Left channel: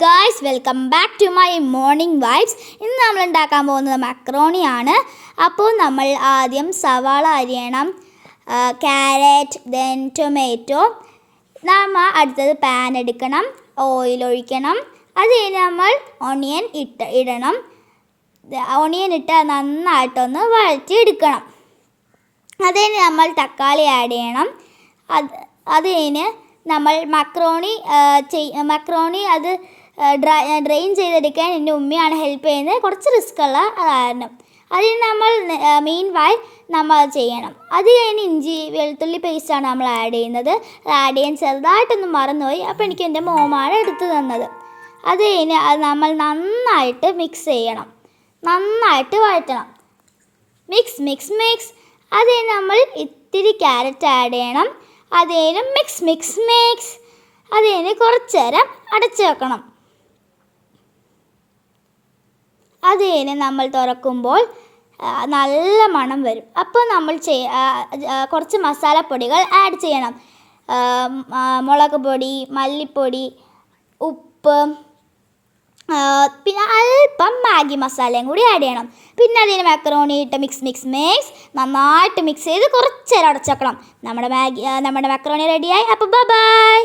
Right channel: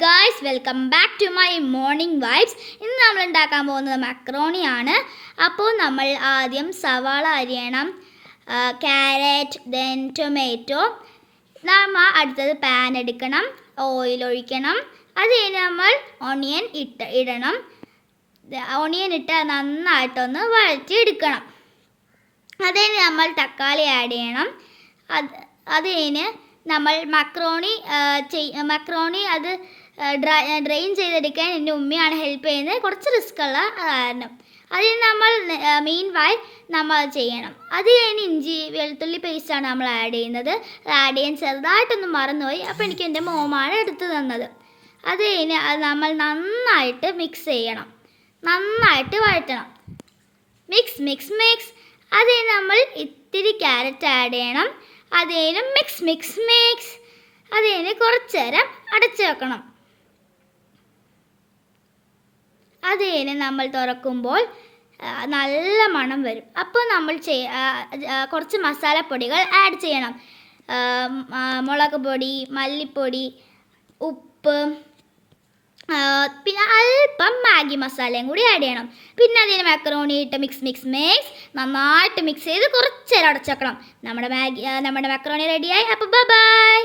Guys, welcome back to my morning vibes. ഇന്ന് നമ്മൾ ഉണ്ടാക്കാൻ പോകുന്നത് മക്രോണിയാണ്. അപ്പോൾ നമ്മൾ ആദ്യം സവാള അരിയണം, ക്യാരറ്റ്, ദെൻ ടൊമാറ്റോ. നമ്മൾ അടുത്തത് പാൻ എടുക്കണം, ഓയിൽ ഒഴിക്കണം. അത് കഴിഞ്ഞ് നമ്മൾ ഓണിയൻ ഇടണം. ഓണിയൻ ഇട്ട് നന്നായിട്ടൊന്ന് വഴറ്റി എടുക്കണം. അത് കഴിഞ്ഞ് നമ്മൾ തക്കാളി ആഡ് ചെയ്യണം. അത് കഴിഞ്ഞ് നമ്മൾ മക്രോണി അത് ഡ്രെയിൻ ചെയ്തെടുക്കാൻ എൻ്റെ ഉമ്മയാണ് ഹെൽപ്പ് ചെയ്യുന്നത്. കുറച്ച് റിസ്ക്കുള്ള കാരണം അതിന് നമ്മൾ മീൻവൈൽ നമ്മൾ ചെയ്യണം. അത് കഴിഞ്ഞ് ഇഞ്ചി വെളുത്തുള്ളി പേസ്റ്റാണ് നമ്മൾ ആഡ് ചെയ്യുന്നത്. അത് ആഡ് ചെയ്യാൻ ചെറുതായിട്ടൊന്ന് മറന്നുപോയി. അപ്പോൾ എനിക്ക് എൻ്റെ മോമാണ് എടുത്തു തന്നത്. അത് കഴിഞ്ഞ് അത് നമ്മൾ നന്നായിട്ട് മിക്സ് ചെയ്യണം, നന്നായിട്ട് വഴറ്റണം. Mix mix mix. അത് കഴിഞ്ഞ് നമ്മൾ ഇത്തിരി ക്യാരറ്റ് ആഡ് ചെയ്യണം. അത് കഴിഞ്ഞ് മിക്സ് മിക്സ് മിക്സ്. അത് കഴിഞ്ഞ് കുറച്ച് നേരം അടച്ചു വെക്കണം. അത് കഴിഞ്ഞ് നമ്മൾ തുറക്കുമ്പോൾ നല്ല മണം വരും. അപ്പോൾ നമ്മൾ കുറച്ച് മസാലപ്പൊടികൾ ആഡ് ചെയ്യണം. മുളക് പൊടി, മല്ലിപ്പൊടി, ഉപ്പ്, പിന്നെ അല്പം മാഗി മസാലയും കൂടി ആഡ് ചെയ്യണം. പിന്നെ അതിന് മക്രോണി ഇട്ട് മിക്സ് മിക്സ് മിക്സ് നന്നായിട്ട് മിക്സ് ചെയ്ത് കുറച്ച് നേരം അടച്ചു വെക്കണം. നമ്മുടെ മക്രോണി റെഡിയായി. അപ്പോൾ ബൈ.